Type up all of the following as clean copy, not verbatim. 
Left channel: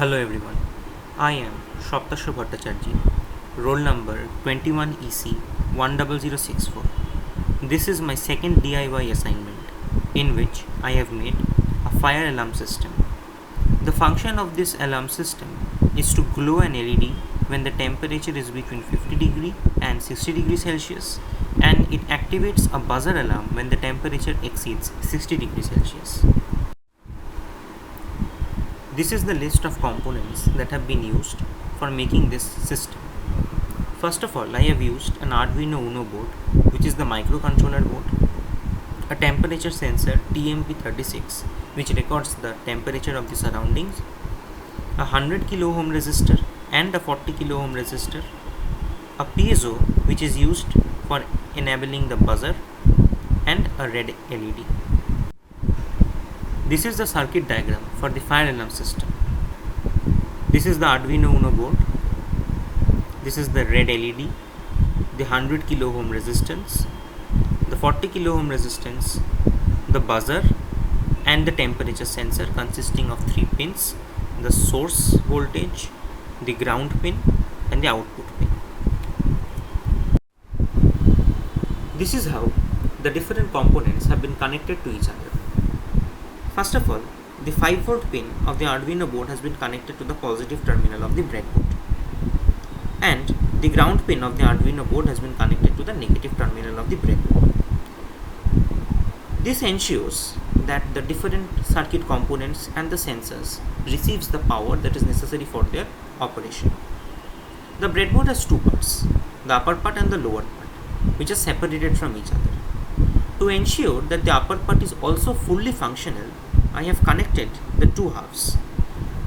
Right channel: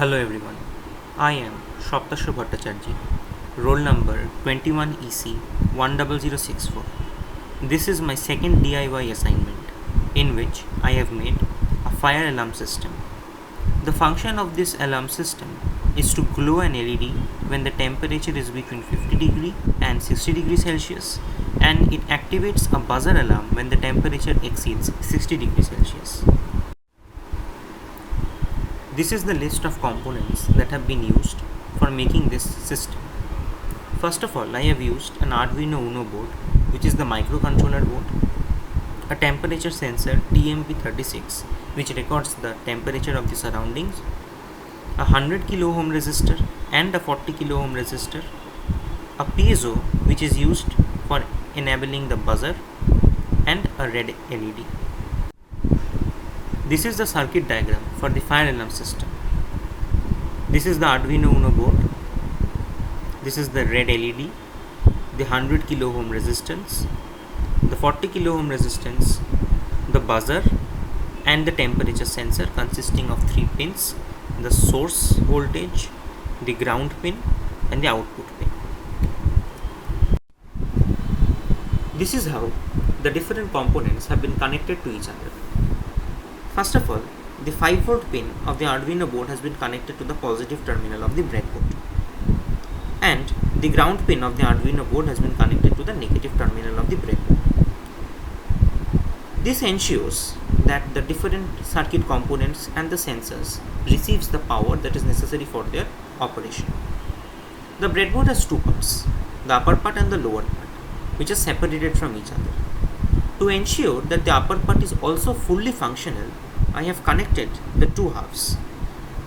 Hello everyone, I am Saptashwa Bhattacharjee, roll number 21EC10064. This is my second DIY assignment in which I have made a fire alarm system. The function of this alarm system is to glow an LED when the temperature is between 50 degree and 60 degrees Celsius, and it activates a buzzer alarm when the temperature exceeds 60 degrees Celsius. This is the list of components that have been used for making this system. First of all, I have used an Arduino Uno board, which is the microcontroller board, a temperature sensor TMP36, which records the temperature of the surroundings, a 100 kilo ohm resistor and a 40 kilo ohm resistor, a piezo which is used for enabling the buzzer, and a red LED. This is the circuit diagram for the fire alarm system. This is the Arduino Uno board. This is the red LED, the 100 kilo ohm resistance, the 40 kilo ohm resistance, the buzzer, and the temperature sensor consisting of 3 pins: the source voltage, the ground pin, and the output pin. This is how the different components have been connected to each other. First of all, the 5V pin of the Arduino board has been connected to the positive terminal of the breadboard, and the ground pin of the Arduino board has been connected to the negative terminal of the breadboard. This ensures that the different circuit components and the sensors receives the power that is necessary for their operation. The breadboard has two parts, the upper part and the lower part, which are separated from each other. To ensure that the upper part is also fully functional, I have connected the two halves.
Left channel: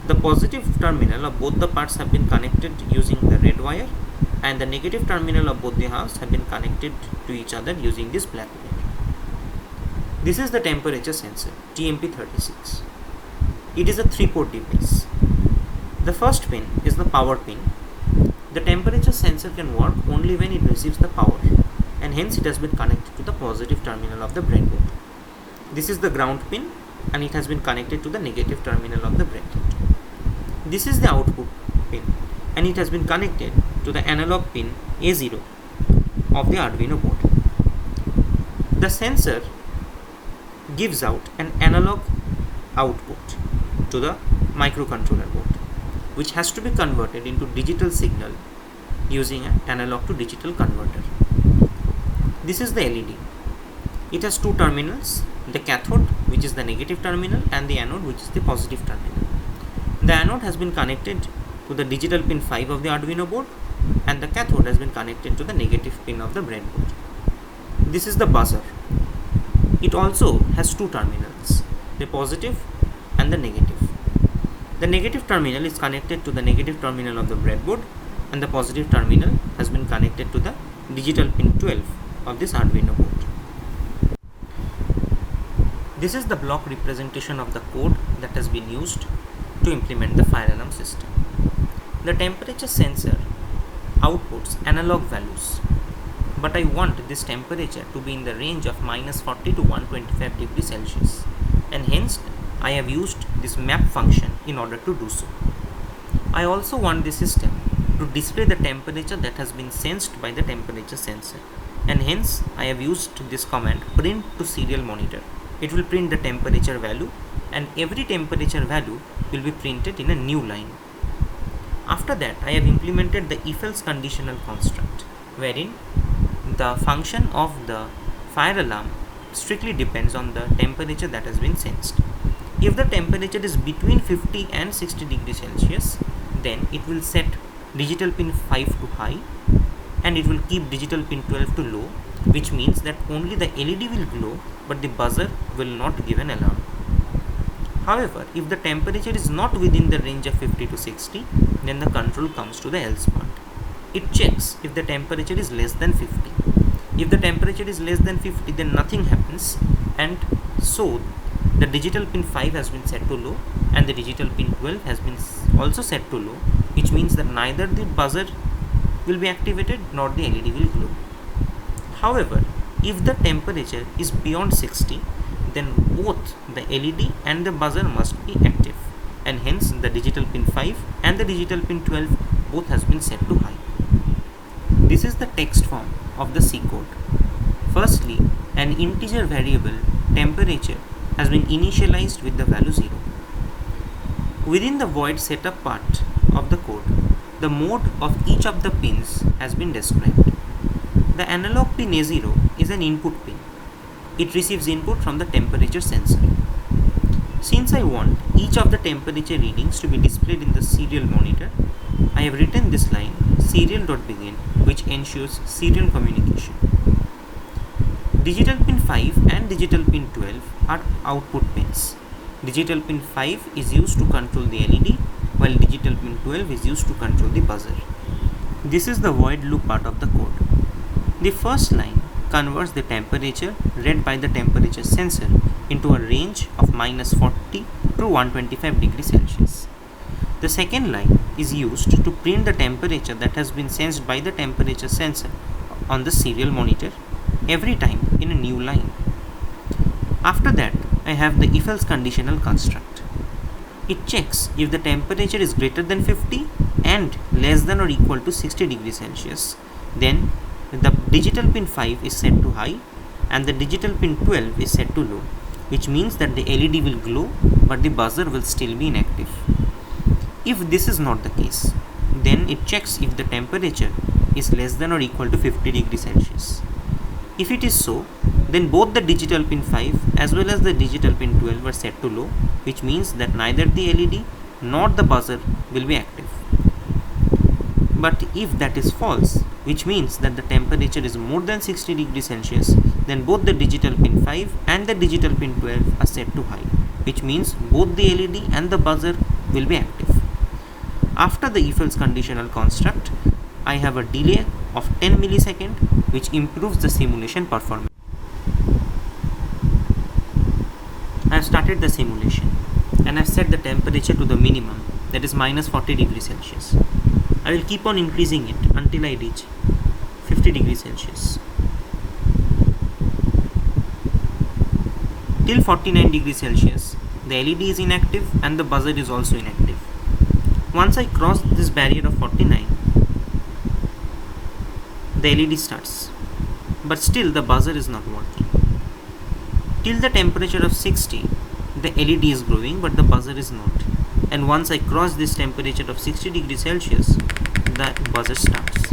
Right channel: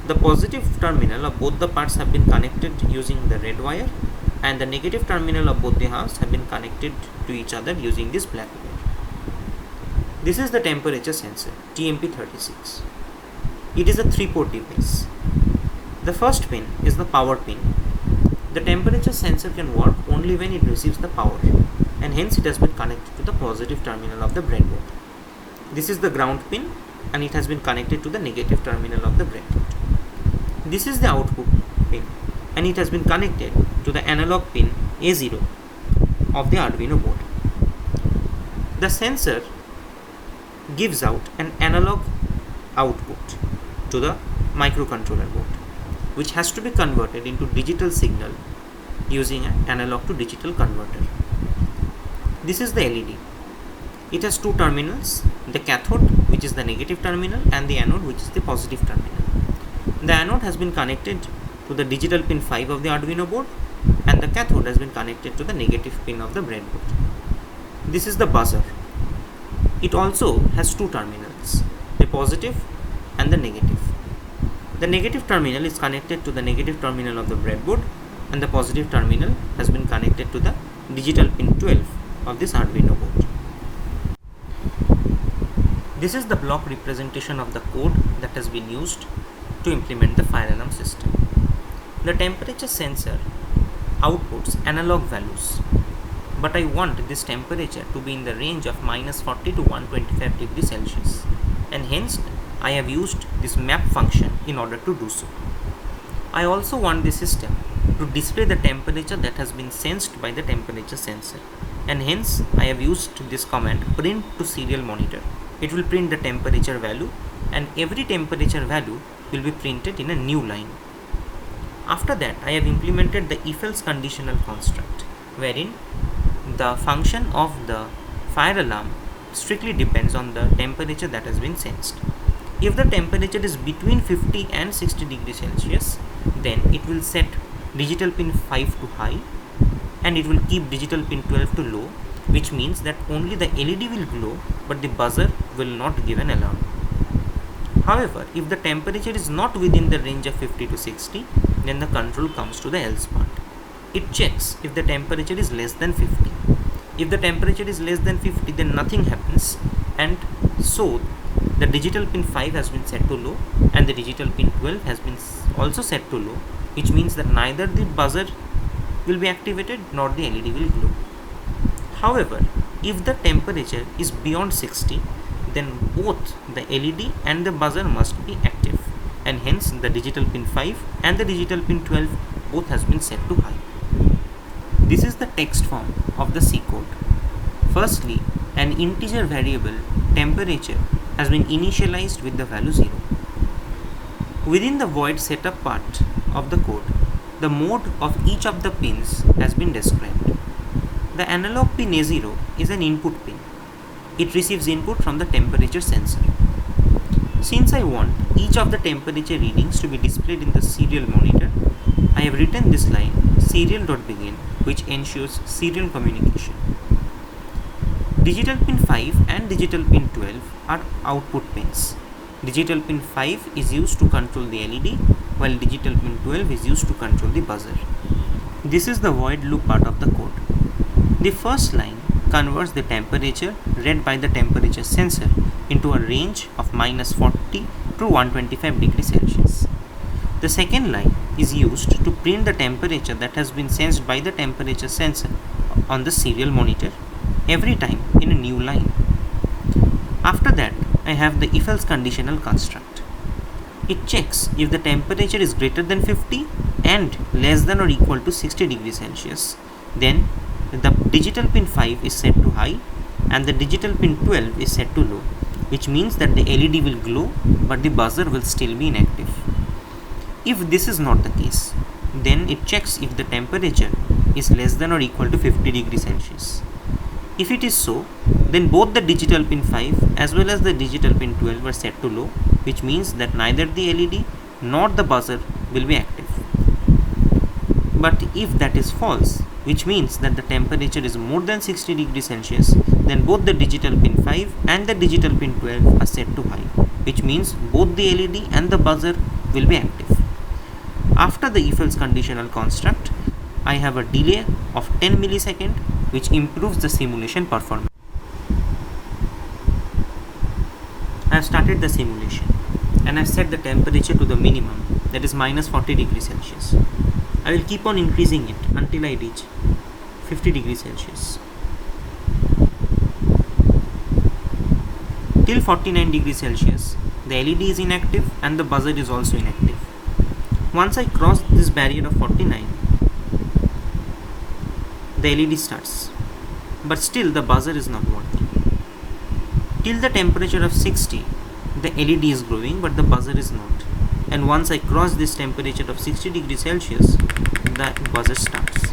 The positive terminal of both the parts have been connected using the red wire, and the negative terminal of both the halves have been connected to each other using this black wire. This is the temperature sensor TMP36. It is a 3-port device. The first pin is the power pin. The temperature sensor can work only when it receives the power, and hence it has been connected to the positive terminal of the breadboard. This is the ground pin, and it has been connected to the negative terminal of the breadboard. This is the output pin, and it has been connected to the analog pin A0 of the Arduino board. The sensor gives out an analog output to the microcontroller board, which has to be converted into digital signal using an analog to digital converter. This is the LED. It has two terminals, the cathode, which is the negative terminal, and the anode, which is the positive terminal. The anode has been connected to the digital pin 5 of the Arduino board, and the cathode has been connected to the negative pin of the breadboard. This is the buzzer. It also has two terminals, the positive and the negative. The negative terminal is connected to the negative terminal of the breadboard, and the positive terminal has been connected to the digital pin 12 of this Arduino board. This is the block representation of the code that has been used to implement the fire alarm system. The temperature sensor outputs analog values, but I want this temperature to be in the range of -40 to 125 degrees Celsius, and hence I have used this map function in order to do so. I also want the system to display the temperature that has been sensed by the temperature sensor, and hence I have used this command print to serial monitor. It will print the temperature value, and every temperature value will be printed in a new line. After that, I have implemented the if-else conditional construct, wherein the function of the fire alarm strictly depends on the temperature that has been sensed. If the temperature is between 50 and 60 degrees Celsius, then it will set digital pin 5 to high, and it will keep digital pin 12 to low, which means that only the LED will glow, but the buzzer will not give an alarm. However, if the temperature is not within the range of 50 to 60, then the control comes to the else part. It checks if the temperature is less than 50. If the temperature is less than 50, then nothing happens, and so the digital pin 5 has been set to low, and the digital pin 12 has been also set to low, which means that neither the buzzer will be activated nor the LED will glow. However, if the temperature is beyond 60, then both the LED and the buzzer must be active. and hence the digital pin 5 and the digital pin 12 both has been set to high. This is the text form of the C code. Firstly, an integer variable temperature has been initialized with the value 0. Within the void setup part of the code, the mode of each of the pins has been described. The analog pin A0 is an input pin. It receives input from the temperature sensor. Since I want each of the temperature readings to be displayed in the serial monitor, I have written this line serial.begin, which ensures serial communication. Digital pin 5 and digital pin 12 are output pins. Digital pin 5 is used to control the LED, while digital pin 12 is used to control the buzzer. This is the void loop part of the code. The first line converts the temperature read by the temperature sensor into a range of -40 to 125 degrees Celsius. The second line is used to print the temperature that has been sensed by the temperature sensor on the serial monitor every time in a new line. After that, I have the if-else conditional construct. It checks if the temperature is greater than 50 and less than or equal to 60 degrees Celsius. Then the digital pin 5 is set to high and the digital pin 12 is set to low, which means that the LED will glow but the buzzer will still be inactive. If this is not the case, then it checks if the temperature is less than or equal to 50 degrees Celsius. If it is so, then both the digital pin 5 as well as the digital pin 12 are set to low, which means that neither the LED nor the buzzer will be active. But if that is false, which means that the temperature is more than 60 degrees Celsius, then both the digital pin 5 and the digital pin 12 are set to high, which means both the LED and the buzzer will be active. After the if-else conditional construct, I have a delay of 10 milliseconds, which improves the simulation performance. I have started the simulation and I have set the temperature to the minimum, that is -40 degrees Celsius. I will keep on increasing it until I reach 50 degrees Celsius. Till 49 degrees Celsius, the LED is inactive and the buzzer is also inactive. Once I cross this barrier of 49, the LED starts, but still the buzzer is not working. Till the temperature of 60, the LED is glowing but the buzzer is not. And once I cross this temperature of 60 degrees Celsius, the buzzer starts.